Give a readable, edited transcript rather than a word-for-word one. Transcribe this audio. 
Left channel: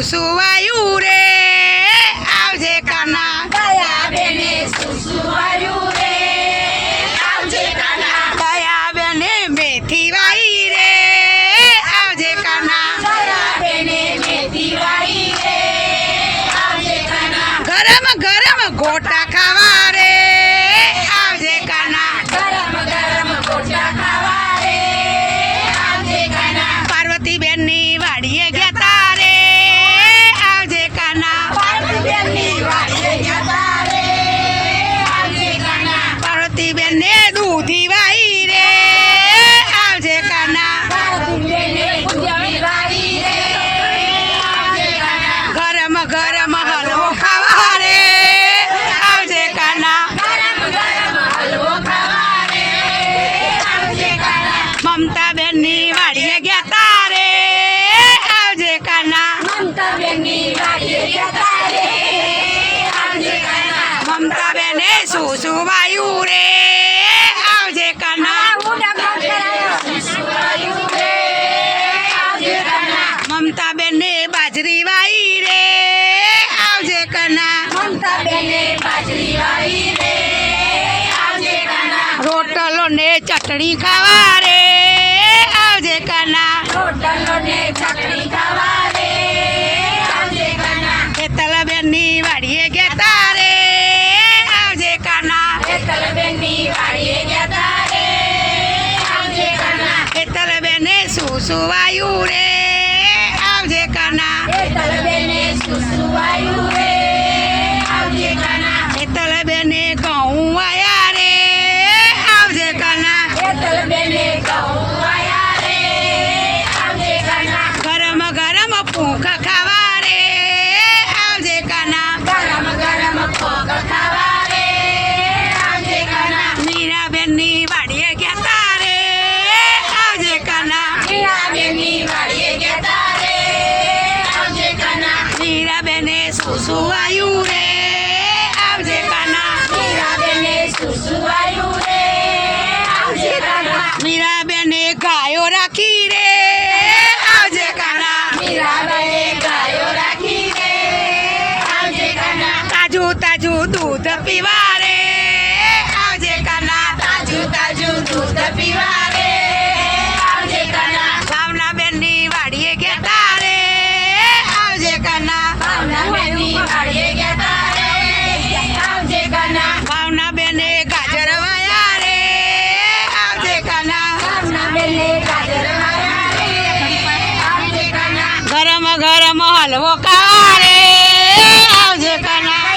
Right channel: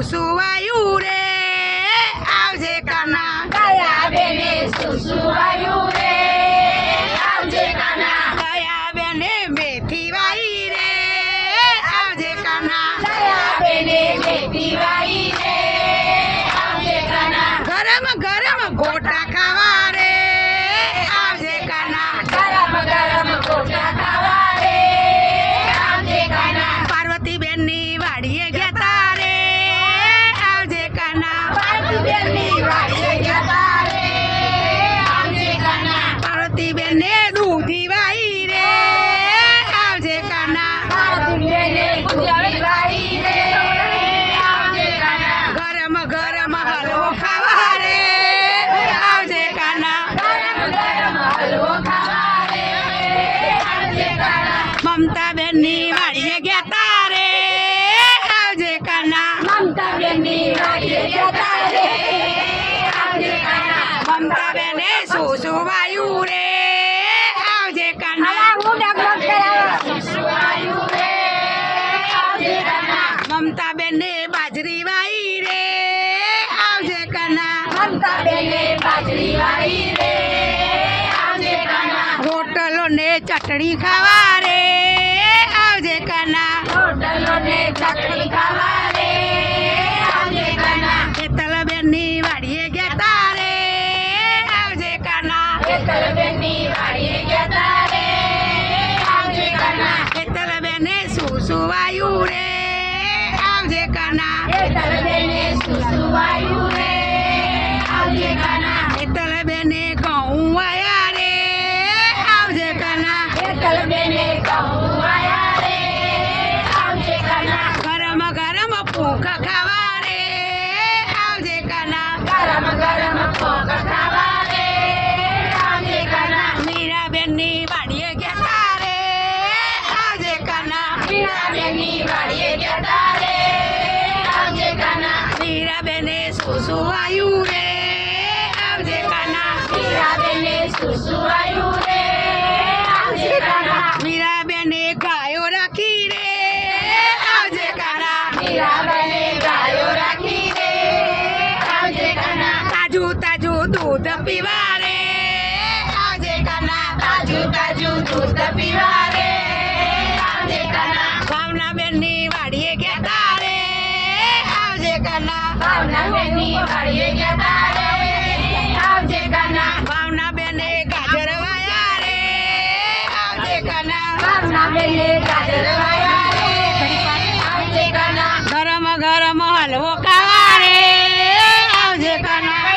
સુસુવાયું રે આવજે કાના દયા બેને સુસુવાયું રે આવજે કાના દયા બેને મેથી વાઈ રે આવજે કાના દયા બેને મેથી વાઈ રે આવજે કાના ગરમ ગરમ ગોટા ખાવા રે આવજે કાના ગરમ ગરમ ગોટા ખાવા રે આવજે કાના પાર્વતી બેન ની વાડીએ ગયા તારે આવજે કાના પાર્વતીબેનની વાડીએ ગયા રે આવજે કાના પાર્વતી બેન ને દૂધી વાઈ રે આવજે કાના પાર્વતીબેને દૂધી વાઈ રે આવજે કાના ગરમ ગરમ હલવો ખાવા રે આવજે કાના ગરમ ગરમ હલવો ખાવા રે આવજે કાના મમતા બેન ની વાડીએ ગયા તારે આવજે કાના મમતાબેનની વાડીએ ગયા રે આવજે કાના મમતા બેને સુસુવાયું રે આવજે કાના સુસુવાયું રે આવજે કાના મમતા બેન ને બાજરી વાઈ રે આવજે કાના મમતાબેને બાજરી વાવી રે આવજે કાના રોટલો ને ચટણી ખાવા રે આવજે કાના રોટલો ને ચટણી ખાવા રે આવજે કાના હેતલ બેન ની વાડીએ ગયા તારે આવજે કાના હેતલબેનની વાડીએ ગયા રે આવજે કાના હેતલ બેને સુસુવાયું રે આવજે કાના હેતલબેને સુસુવાયું રે આવજે કાના હેતલ બેને ઘઉં વાયા રે આવજે કાના હેતલબેને ઘઉં વાયા રે આવજે કાના ગરમ ગરમ પૂંખ ખાવા રે આવજે કાના ગરમ ગરમ ભોગ ખાવા રે આવજે કાના મીરાબેન ની વાડીએ ગયા તારે આવજે કાના મીરાબેનની વાડીએ ગયા રે આવજે કાના મીરાબેને સુસુવાયું રે આવજે કાના મીરાબેને સુસુવાયું રે આવજે કાના મીરાબેને ગાયો રાખી રે આવજે કાના મીરાબાઈએ ગાયો રાખી રે આવજે કાના તાજું તાજું દૂધ પીવા રે આવજે કાના તાજું તાજું દૂધ પીવા રે આવજે કાના ભાવનાબેન ની વાડીએ ગયા તારે આવજે કાના ભાવનાબેનની વાડીએ ગયા રે આવજે કાના ભાવનાબેને ગાજર વાયા રે આવજે કાના ભાવનાબેને ગાજર વાયા રે આવજે કાના ગરમ ગરમ હલવો ખાવા રે આવજે કાના